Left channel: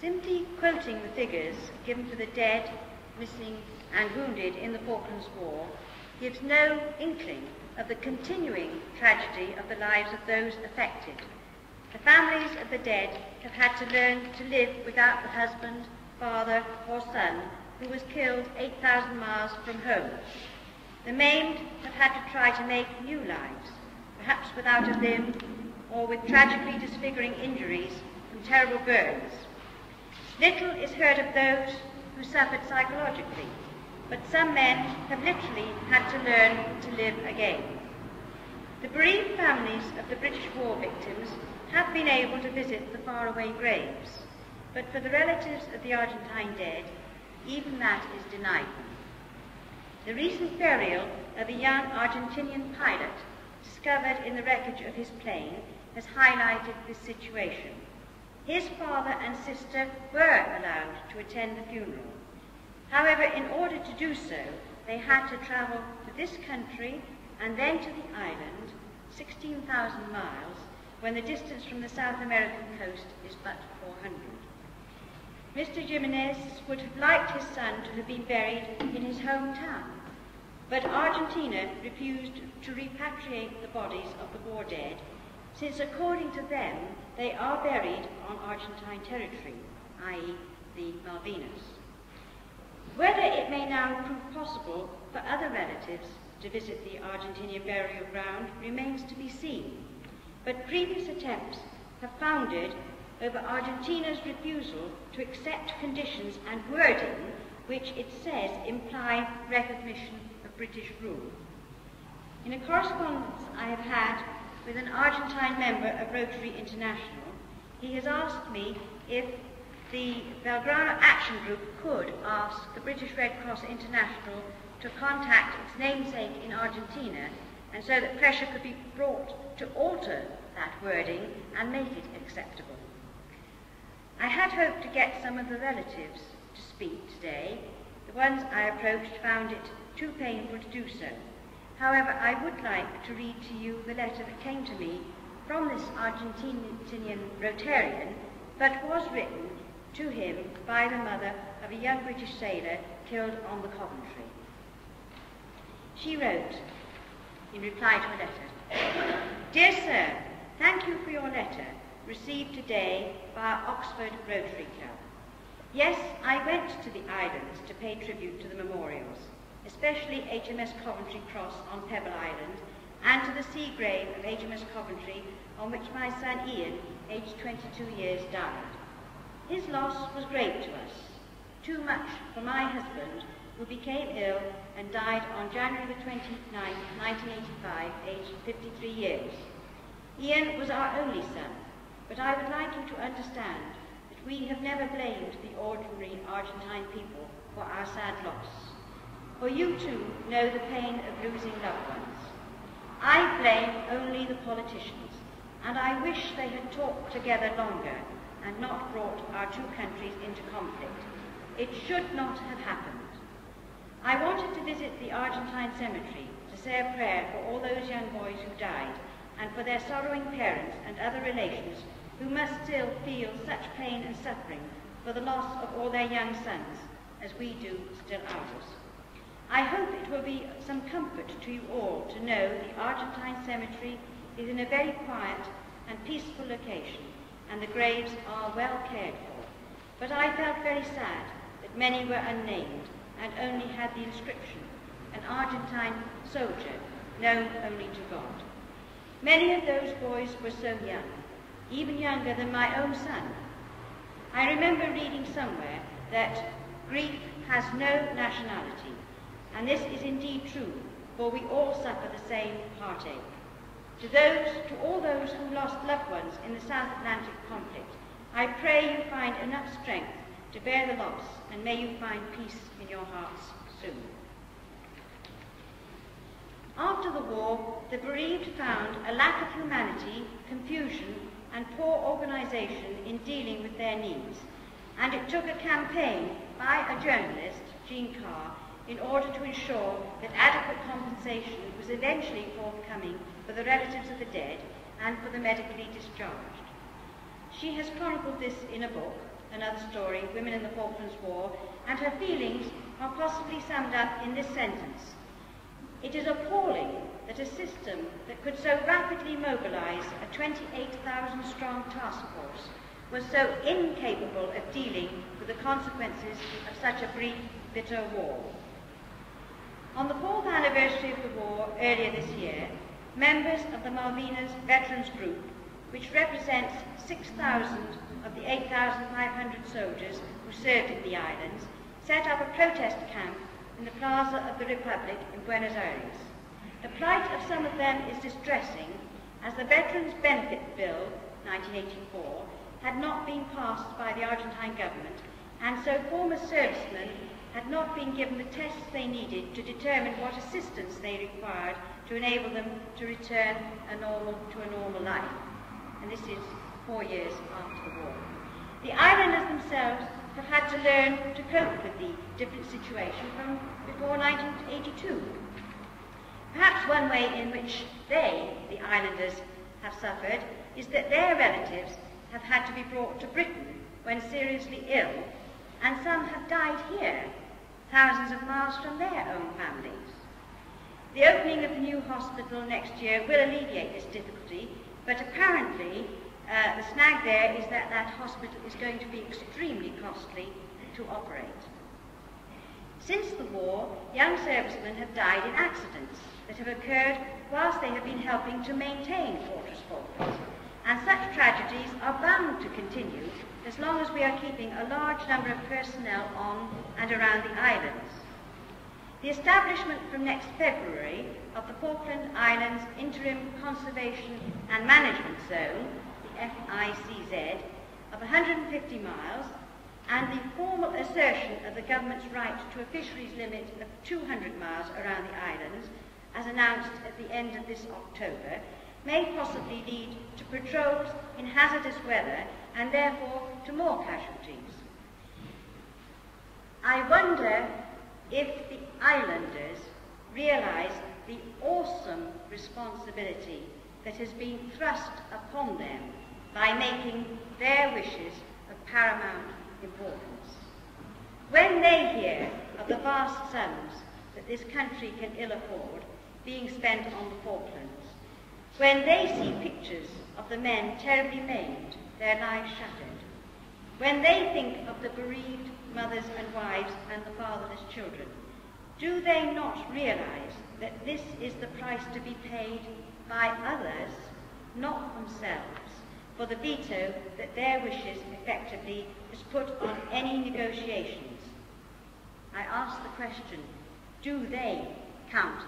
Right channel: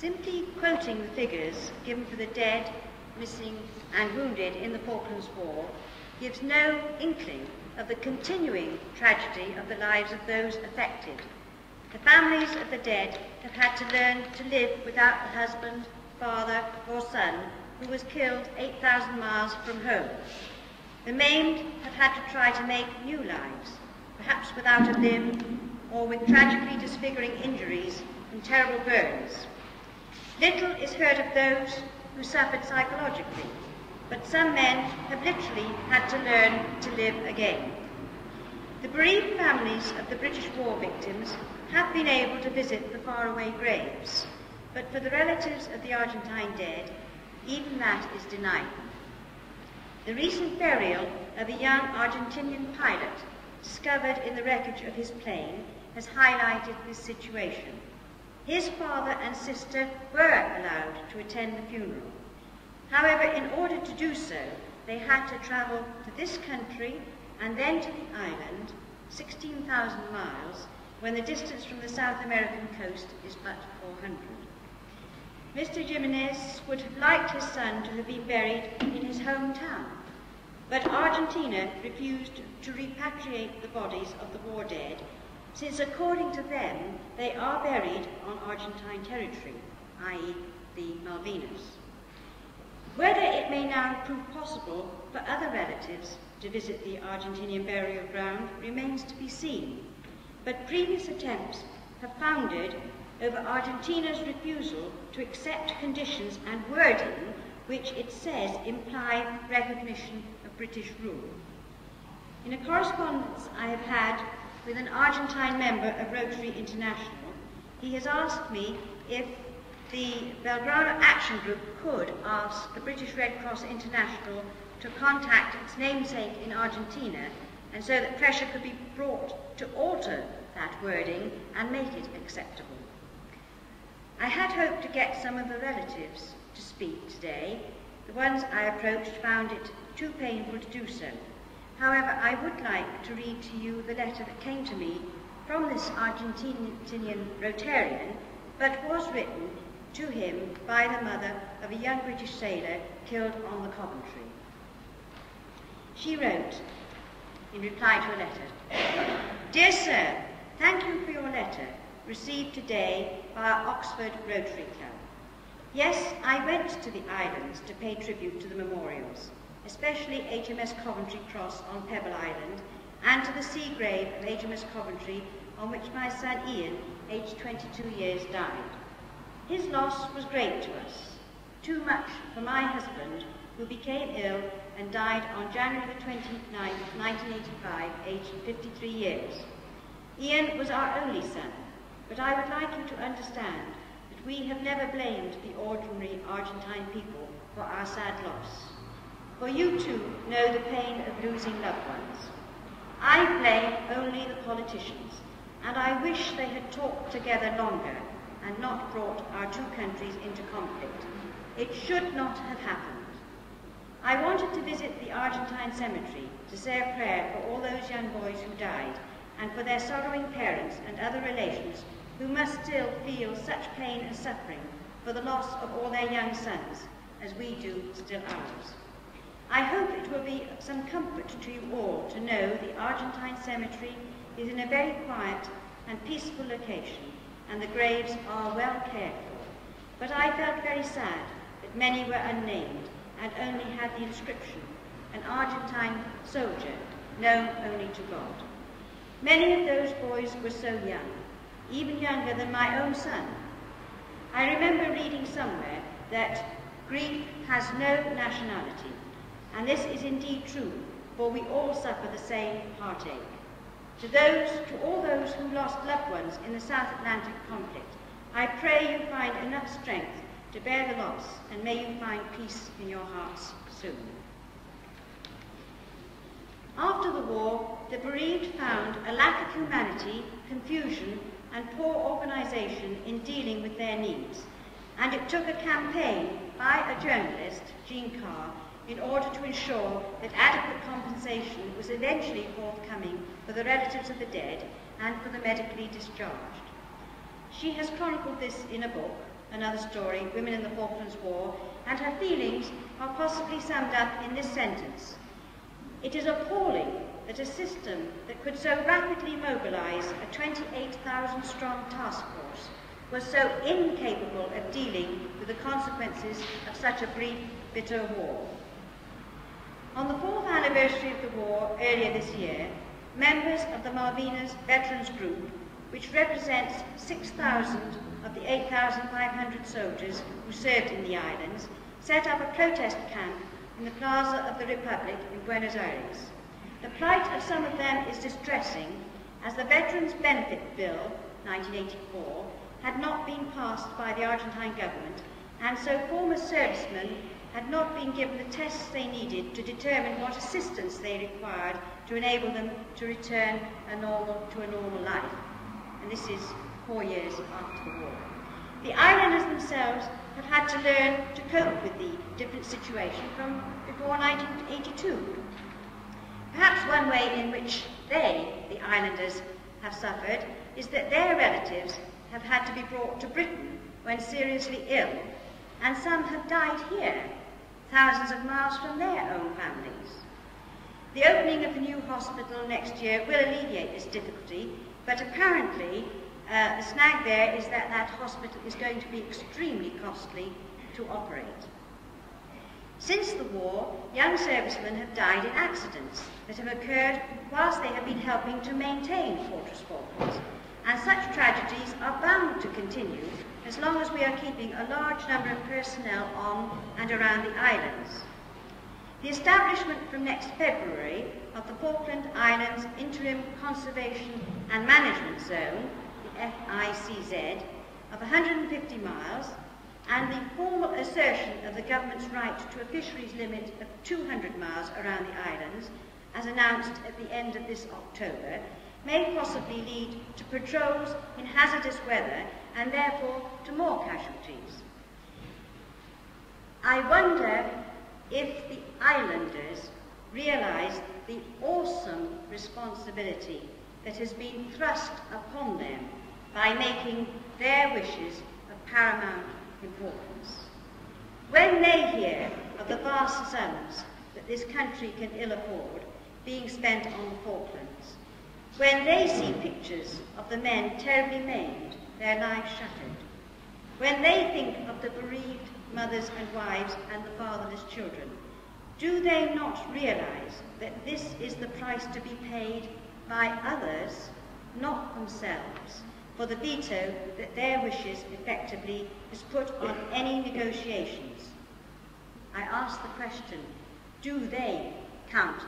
Simply quoting the figures given for the dead, missing and wounded in the Falklands War gives no inkling of the continuing tragedy of the lives of those affected. The families of the dead have had to learn to live without the husband, father or son who was killed 8,000 miles from home. The maimed have had to try to make new lives, perhaps without a limb or with tragically disfiguring injuries from terrible burns. Little is heard of those who suffered psychologically, but some men have literally had to learn to live again. The bereaved families of the British war victims have been able to visit the faraway graves, but for the relatives of the Argentine dead, even that is denied them. The recent burial of a young Argentinian pilot discovered in the wreckage of his plane has highlighted this situation. His father and sister were allowed to attend the funeral. However, in order to do so, they had to travel to this country and then to the island, 16,000 miles, when the distance from the South American coast is but 400. Mr. Jimenez would have liked his son to have been buried in his hometown, but Argentina refused to repatriate the bodies of the war dead, since according to them, they are buried on Argentine territory, i.e. the Malvinas. Whether it may now prove possible for other relatives to visit the Argentinian burial ground remains to be seen, but previous attempts have foundered over Argentina's refusal to accept conditions and wording which it says imply recognition of British rule. In a correspondence I have had with an Argentine member of Rotary International, he has asked me if the Belgrano Action Group could ask the British Red Cross International to contact its namesake in Argentina, and so that pressure could be brought to alter that wording and make it acceptable. I had hoped to get some of the relatives to speak today. The ones I approached found it too painful to do so. However, I would like to read to you the letter that came to me from this Argentinian Rotarian, but was written to him by the mother of a young British sailor killed on the Coventry. She wrote, in reply to a letter, "Dear Sir, thank you for your letter, received today by our Oxford Rotary Club. Yes, I went to the islands to pay tribute to the memorials, especially HMS Coventry Cross on Pebble Island, and to the sea grave of HMS Coventry, on which my son Ian, aged 22 years, died. His loss was great to us, too much for my husband, who became ill and died on January 29, 1985, aged 53 years. Ian was our only son, but I would like you to understand that we have never blamed the ordinary Argentine people for our sad loss. For you too know the pain of losing loved ones. I blame only the politicians, and I wish they had talked together longer and not brought our two countries into conflict. It should not have happened. I wanted to visit the Argentine cemetery to say a prayer for all those young boys who died, and for their sorrowing parents and other relations who must still feel such pain and suffering for the loss of all their young sons, as we do still ours. I hope it will be some comfort to you all to know the Argentine cemetery is in a very quiet and peaceful location, and the graves are well cared for. But I felt very sad that many were unnamed and only had the inscription, an Argentine soldier known only to God. Many of those boys were so young, even younger than my own son. I remember reading somewhere that grief has no nationality, and this is indeed true, for we all suffer the same heartache. To all those who lost loved ones in the South Atlantic conflict, I pray you find enough strength to bear the loss, and may you find peace in your hearts soon. After the war, the bereaved found a lack of humanity, confusion, and poor organisation in dealing with their needs, and it took a campaign by a journalist, Jean Carr, in order to ensure that adequate compensation was eventually forthcoming for the relatives of the dead and for the medically discharged. She has chronicled this in a book, another story, Women in the Falklands War, and her feelings are possibly summed up in this sentence. It is appalling that a system that could so rapidly mobilise a 28,000-strong task force was so incapable of dealing with the consequences of such a brief, bitter war. On the 4th anniversary of the war earlier this year, members of the Malvinas Veterans Group, which represents 6,000 of the 8,500 soldiers who served in the islands, set up a protest camp in the Plaza of the Republic in Buenos Aires. The plight of some of them is distressing, as the Veterans Benefit Bill, 1984, had not been passed by the Argentine government, and so former servicemen had not been given the tests they needed to determine what assistance they required to enable them to return to a normal life. And this is 4 years after the war. The islanders themselves have had to learn to cope with the different situation from before 1982. Perhaps one way in which they, the islanders, have suffered is that their relatives have had to be brought to Britain when seriously ill, and some have died here, thousands of miles from their own families. The opening of the new hospital next year will alleviate this difficulty, but apparently the snag there is that that hospital is going to be extremely costly to operate. Since the war, young servicemen have died in accidents that have occurred whilst they have been helping to maintain Fortress Falklands, and such tragedies are bound to continue as long as we are keeping a large number of personnel on and around the islands. The establishment from next February of the Falkland Islands Interim Conservation and Management Zone, the FICZ, of 150 miles, and the formal assertion of the government's right to a fisheries limit of 200 miles around the islands, as announced at the end of this October, may possibly lead to patrols in hazardous weather and therefore to more casualties. I wonder if the islanders realise the awesome responsibility that has been thrust upon them by making their wishes of paramount importance. When they hear of the vast sums that this country can ill afford being spent on the Falklands, when they see pictures of the men terribly maimed, their lives shattered, when they think of the bereaved mothers and wives and the fatherless children, do they not realise that this is the price to be paid by others, not themselves, for the veto that their wishes effectively is put on any negotiations? I ask the question, do they count